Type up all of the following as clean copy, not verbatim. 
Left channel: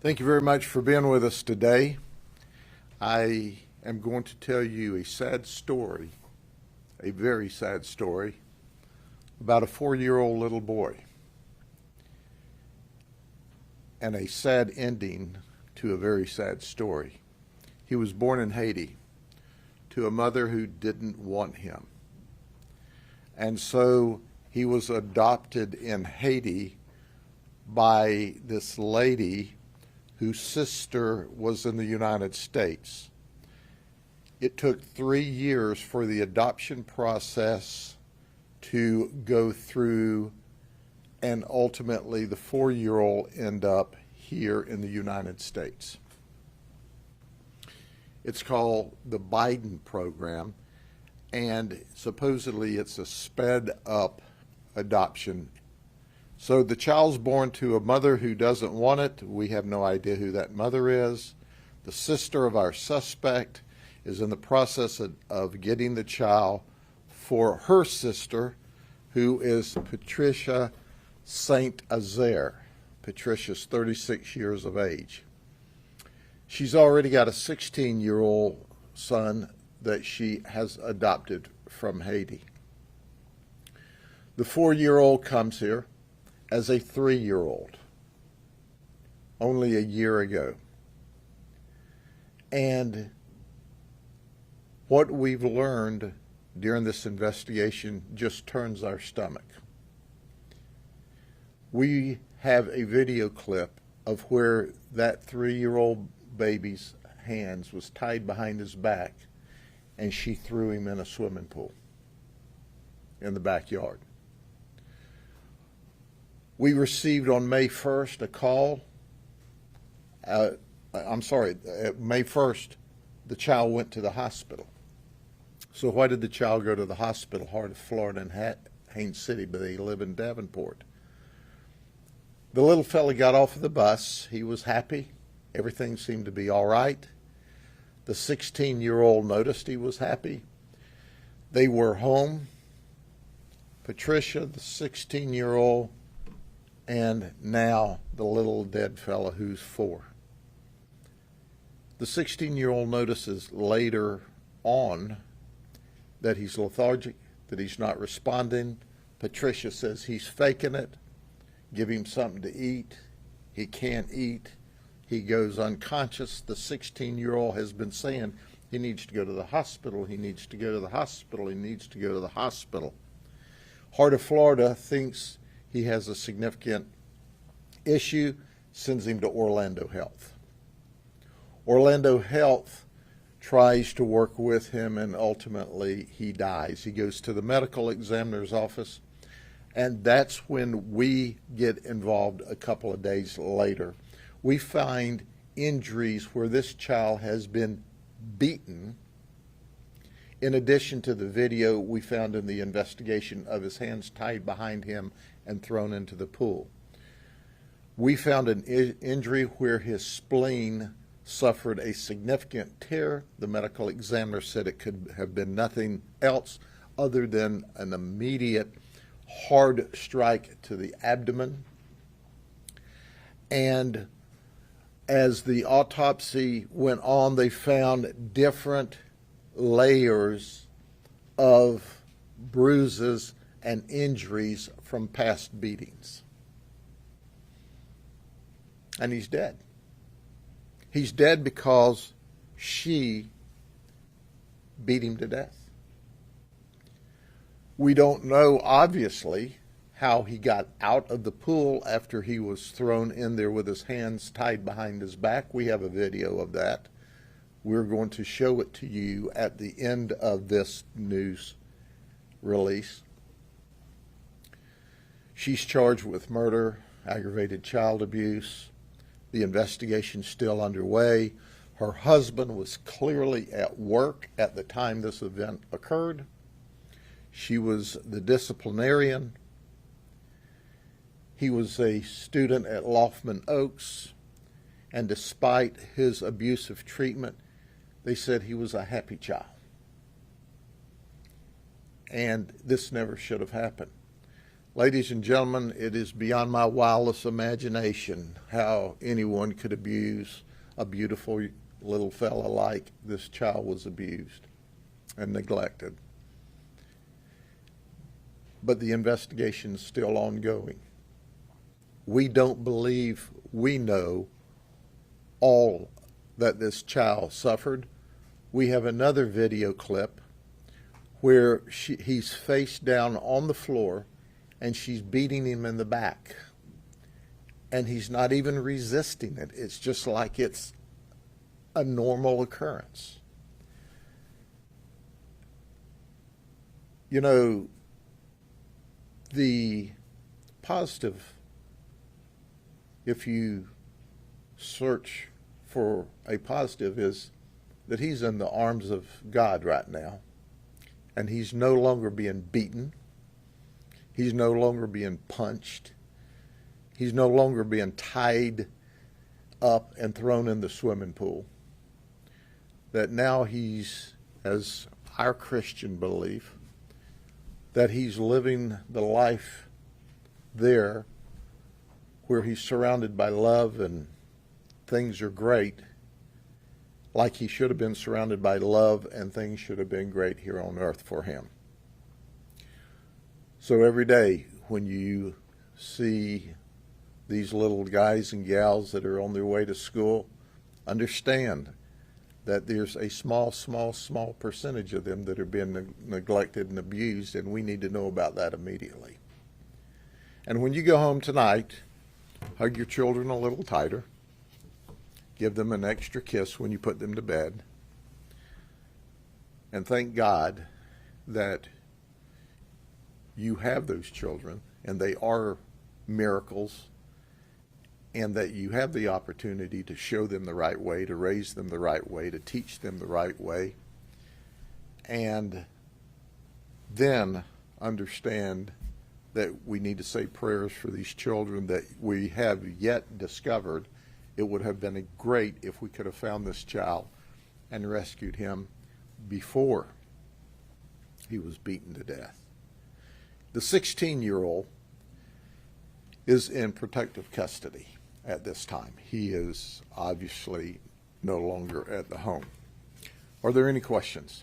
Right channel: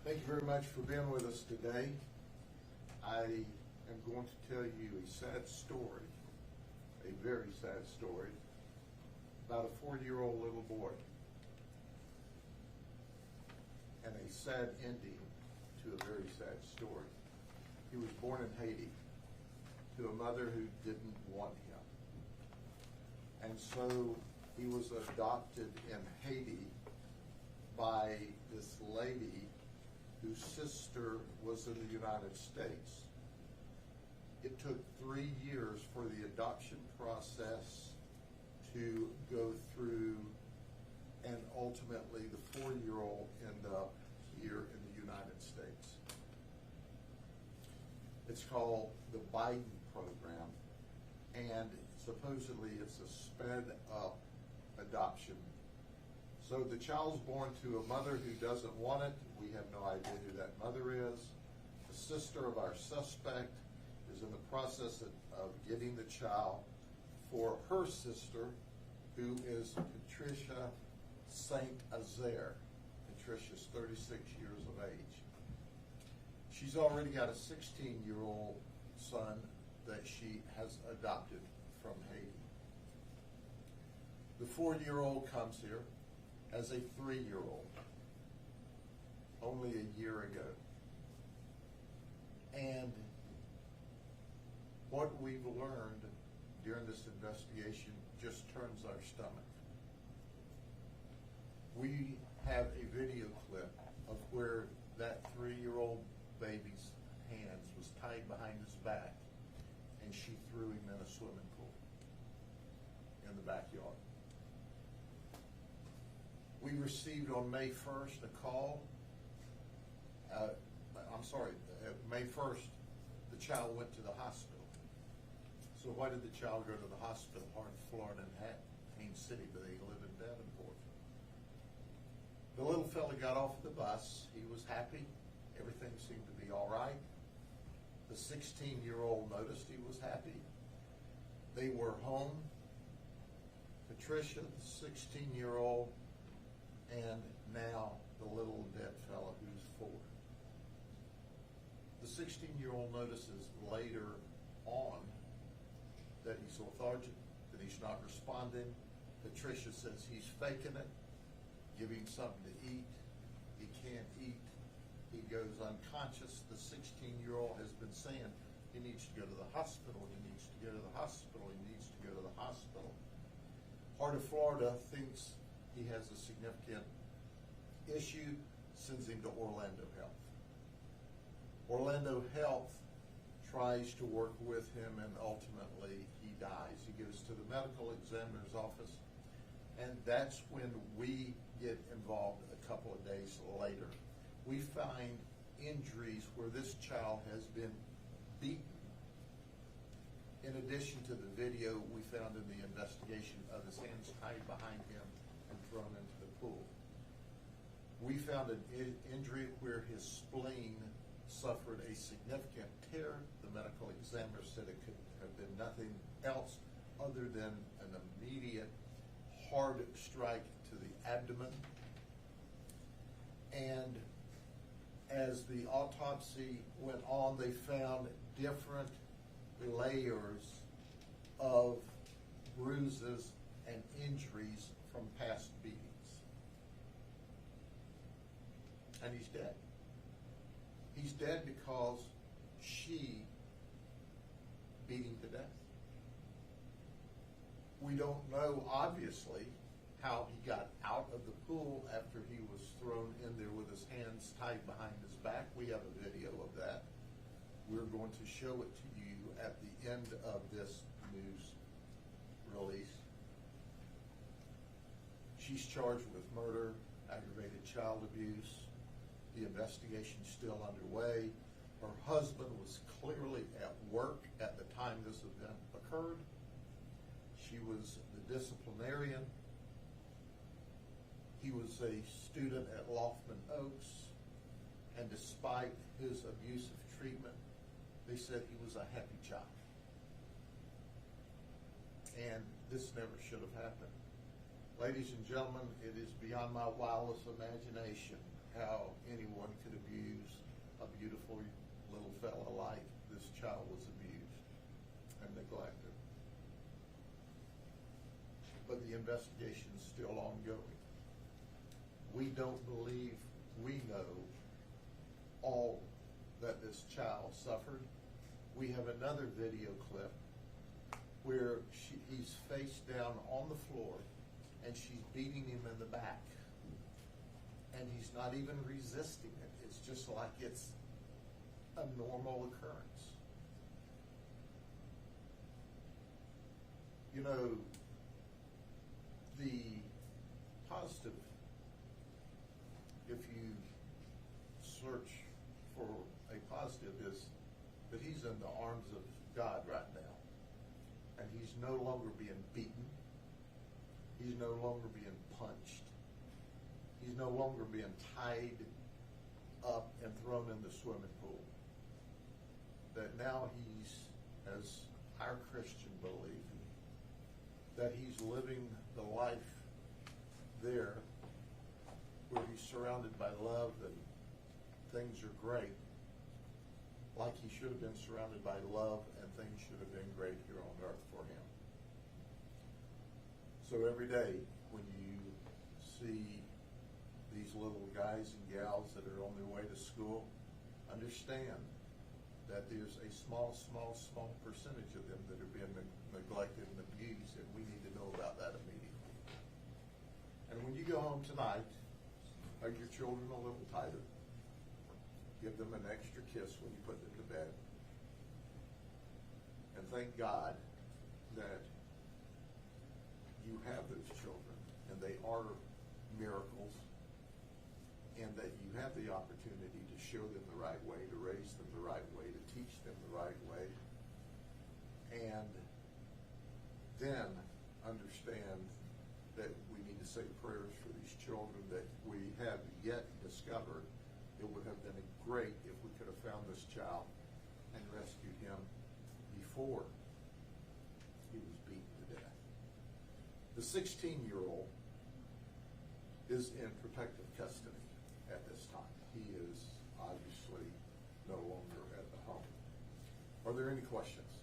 Thank you very much for being with us today. I am going to tell you a sad story, a very sad story, about a 4-year-old little boy and a sad ending to a very sad story. He was born in Haiti to a mother who didn't want him. And so he was adopted in Haiti by this lady whose sister was in the United States. It took 3 years for the adoption process to go through, and ultimately the 4-year-old end up here in the United States. It's called the Biden program, and supposedly it's a sped up adoption. So the child's born to a mother who doesn't want it. We have no idea who that mother is. The sister of our suspect is in the process of getting the child for her sister, who is Patricia St. Azaire. Patricia's 36 years of age. She's already got a 16-year-old son that she has adopted from Haiti. The 4-year-old comes here as a 3-year-old only a year ago. And what we've learned during this investigation just turns our stomach. We have a video clip of where that 3-year-old baby's hands was tied behind his back and she threw him in a swimming pool in the backyard. We received on May 1st a call. May 1st, the child went to the hospital. So why did the child go to the hospital? Heart of Florida in Haines City, but they live in Davenport. The little fella got off of the bus. He was happy. Everything seemed to be all right. The 16-year-old noticed he was happy. They were home. Patricia, the 16-year-old, and now the little dead fella who's 4. The 16-year-old notices later on that he's lethargic, that he's not responding. Patricia says he's faking it. Give him something to eat. He can't eat. He goes unconscious. The 16-year-old has been saying he needs to go to the hospital. He needs to go to the hospital. He needs to go to the hospital. Heart of Florida thinks he has a significant issue, sends him to Orlando Health. Orlando Health tries to work with him, and ultimately he dies. He goes to the medical examiner's office, and that's when we get involved a couple of days later. We find injuries where this child has been beaten, in addition to the video we found in the investigation of his hands tied behind him and thrown into the pool. We found an injury where his spleen suffered a significant tear. The medical examiner said it could have been nothing else other than an immediate hard strike to the abdomen. And as the autopsy went on, they found different layers of bruises and injuries from past beatings. And he's dead. He's dead because she beat him to death. We don't know, obviously, how he got out of the pool after he was thrown in there with his hands tied behind his back. We have a video of that. We're going to show it to you at the end of this news release. She's charged with murder, aggravated child abuse. The investigation's still underway. Her husband was clearly at work at the time this event occurred. She was the disciplinarian. He was a student at Laufman Oaks, and despite his abusive treatment, they said he was a happy child. And this never should have happened. Ladies and gentlemen, it is beyond my wildest imagination how anyone could abuse a beautiful little fella like this child was abused and neglected. But the investigation is still ongoing. We don't believe we know all that this child suffered. We have another video clip where he's face down on the floor and she's beating him in the back. And he's not even resisting it. It's just like it's a normal occurrence. You know, the positive, if you search for a positive, is that he's in the arms of God right now. And he's no longer being beaten. He's no longer being punched. He's no longer being tied up and thrown in the swimming pool. That now he's, as our Christian belief, that he's living the life there where he's surrounded by love and things are great, like he should have been surrounded by love and things should have been great here on earth for him. So every day when you see these little guys and gals that are on their way to school, understand that there's a small percentage of them that are being neglected and abused, and we need to know about that immediately. And when you go home tonight, hug your children a little tighter. Give them an extra kiss when you put them to bed. And thank God that you have those children, and they are miracles, and that you have the opportunity to show them the right way, to raise them the right way, to teach them the right way, and then understand that we need to say prayers for these children that we have yet discovered. It would have been great if we could have found this child and rescued him before he was beaten to death. The 16-year-old is in protective custody at this time. He is obviously no longer at the home. Are there any questions?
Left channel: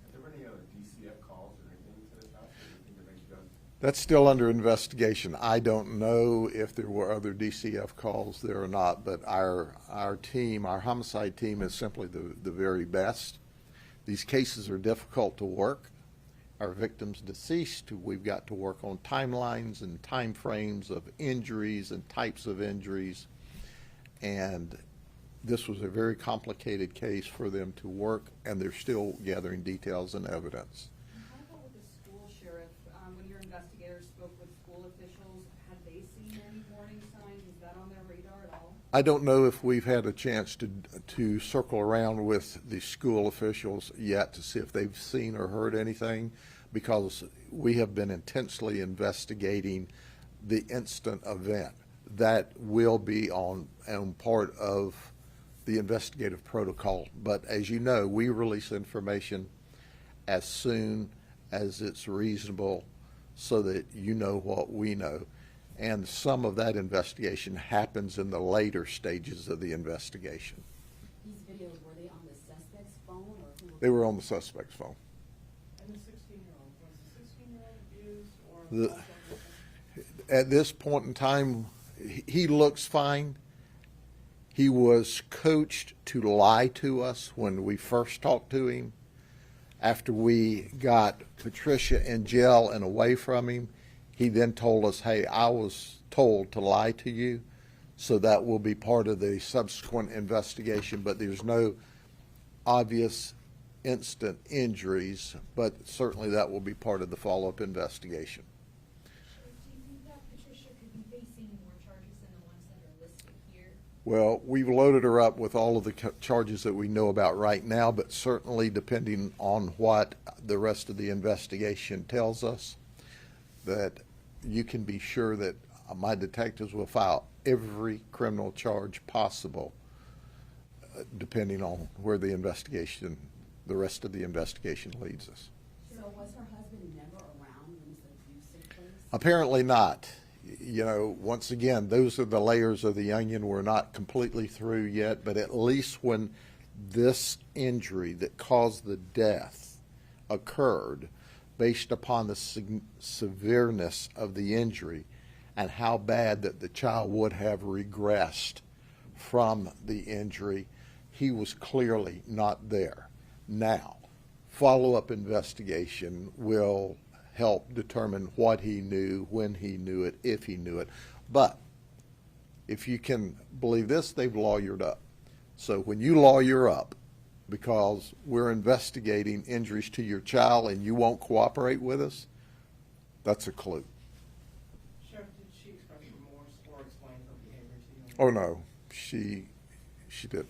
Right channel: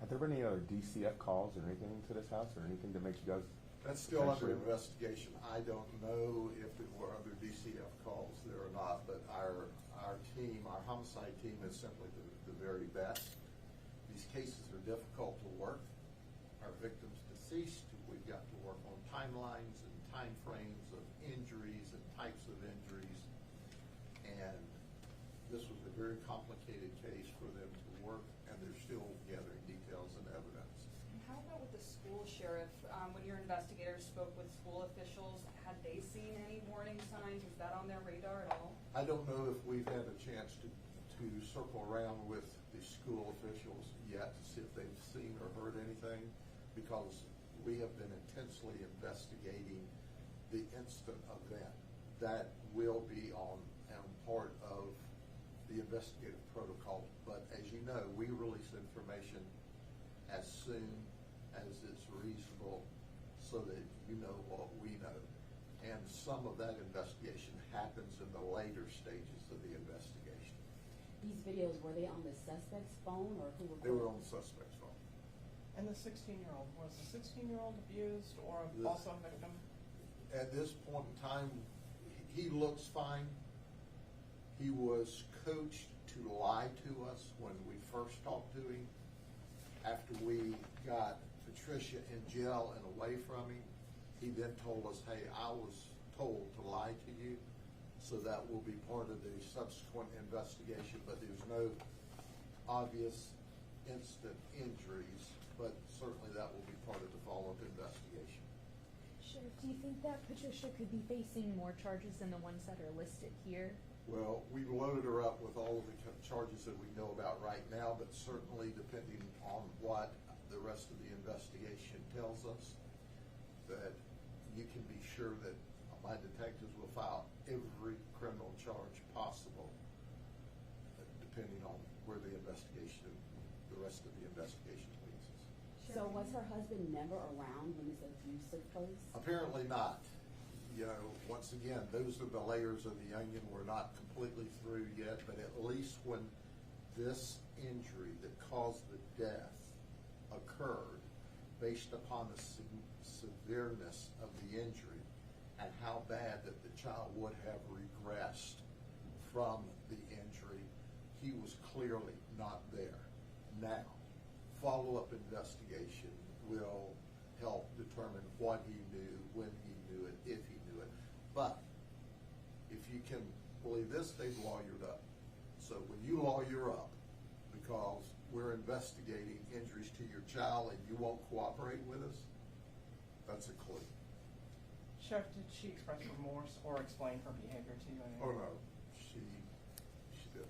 Have there been any other DCF calls or anything to this house, or anything that makes you guys? That's still under investigation. I don't know if there were other DCF calls there or not, but our team, our homicide team, is simply the very best. These cases are difficult to work. Our victims deceased, we've got to work on timelines and time frames of injuries and types of injuries. And this was a very complicated case for them to work, and they're still gathering details and evidence. How about with the school sheriff? When your investigators spoke with school officials, had they seen any warning signs? Is that on their radar at all? I don't know if we've had a chance to circle around with the school officials yet to see if they've seen or heard anything, because we have been intensely investigating the instant event. That will be on part of the investigative protocol. But as you know, we release information as soon as it's reasonable so that you know what we know. And some of that investigation happens in the later stages of the investigation. These videos, were they on the suspect's phone, or who were They were on the suspect's phone. And the 16-year-old, was the 16-year-old abused or The- also a victim? At this point in time, he looks fine. He was coached to lie to us when we first talked to him. After we got Patricia in jail and away from him, he then told us, hey, I was told to lie to you. So that will be part of the subsequent investigation, but there's no obvious instant injuries, but certainly that will be part of the follow-up investigation. Sheriff, do you think that Patricia could be facing more charges than the ones that are listed here? Well, we've loaded her up with all of the charges that we know about right now, but certainly depending on what the rest of the investigation tells us, that you can be sure that my detectives will file every criminal charge possible, depending on where the rest of the investigation leads us. So was her husband never around when this abuse took place? Apparently not. You know, once again, those are the layers of the onion. We're not completely through yet, but at least when this injury that caused the death occurred, based upon the severeness of the injury and how bad that the child would have regressed from the injury, he was clearly not there. Now, follow-up investigation will help determine what he knew, when he knew it, if he knew it. But if you can believe this, they've lawyered up. So when you lawyer up because we're investigating injuries to your child and you won't cooperate with us, that's a clue. Sheriff, did she express remorse or explain her behavior to you? Oh no, she didn't.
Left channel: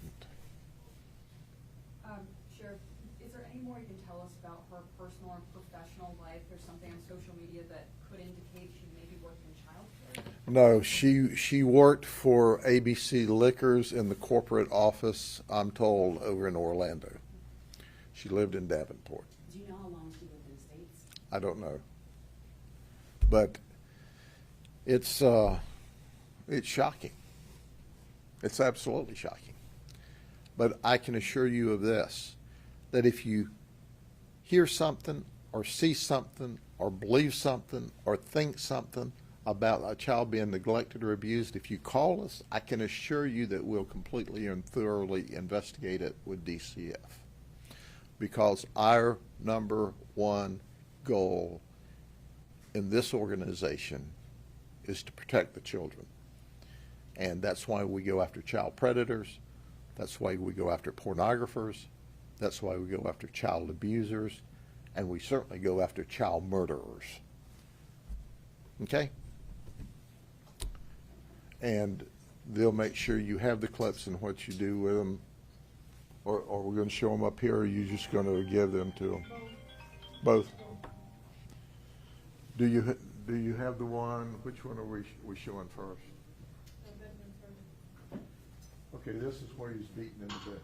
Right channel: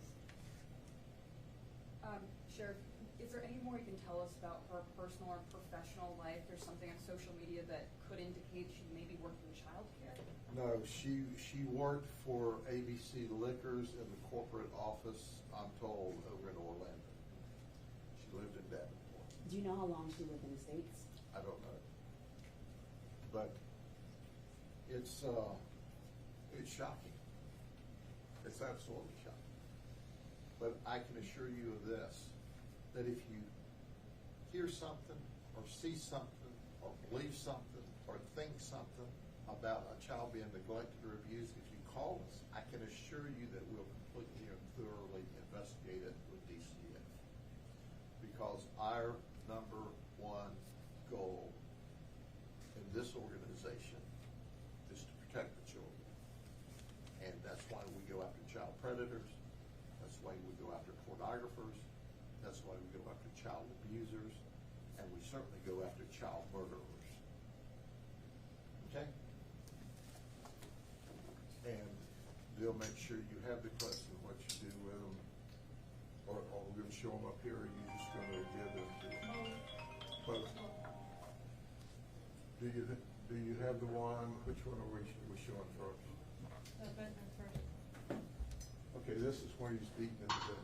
Sheriff, is there any more you can tell us about her personal and professional life? There's something on social media that could indicate she maybe worked in childcare. No, she worked for ABC Liquors in the corporate office, I'm told, over in Orlando. She lived in Davenport. Do you know how long she lived in the States? I don't know. But it's shocking. It's absolutely shocking. But I can assure you of this, that if you hear something or see something or believe something or think something about a child being neglected or abused, if you call us, I can assure you that we'll completely and thoroughly investigate it with DCF. Because our number one goal in this organization is to protect the children. And that's why we go after child predators. That's why we go after pornographers. That's why we go after child abusers. And we certainly go after child murderers. Okay? And they'll make sure you have the clips and what you do with them. Or we're going to show them up here, or are you just going to give them to them? Both. Do you have the one? Which one are we showing first? Okay, this is where he's beaten him to death.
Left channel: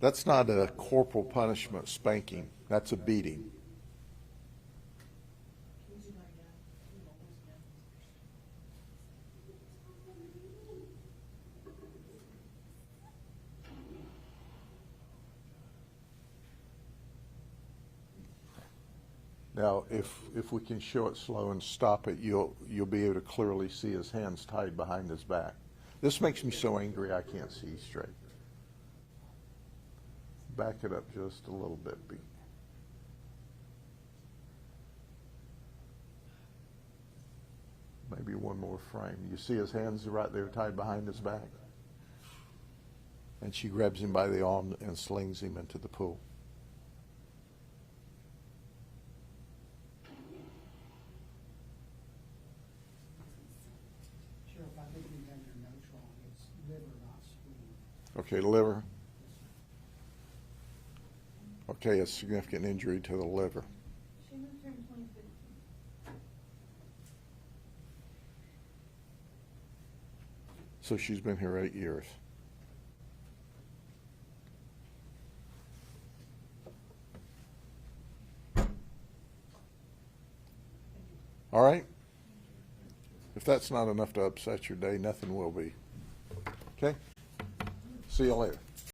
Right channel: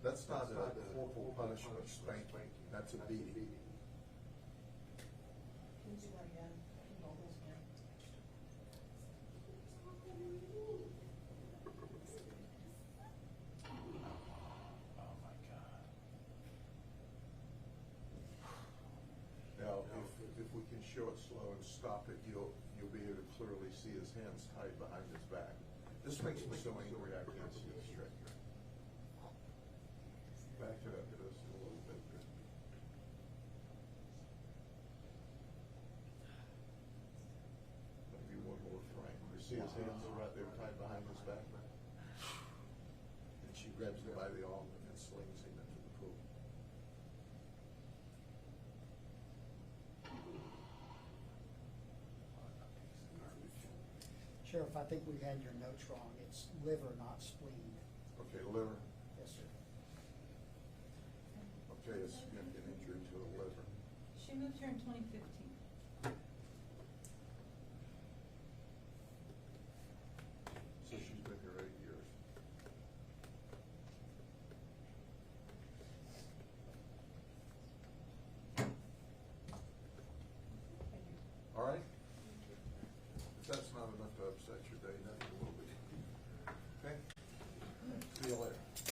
That's not a corporal punishment spanking. That's a beating. Can you do that again? Can you hold this again? Now, if we can show it slow and stop it, you'll be able to clearly see his hands tied behind his back. This makes me so angry I can't see straight. Back it up just a little bit. Maybe one more frame. You see his hands right there tied behind his back? And she grabs him by the arm and slings him into the pool. Sheriff, I think we had your notes wrong. It's liver, not spleen. Okay, liver. Yes, sir. Okay, a significant injury to the liver. She moved here in 2015. So she's been here 8 years. All right? If that's not enough to upset your day, nothing will be. Okay? See you later.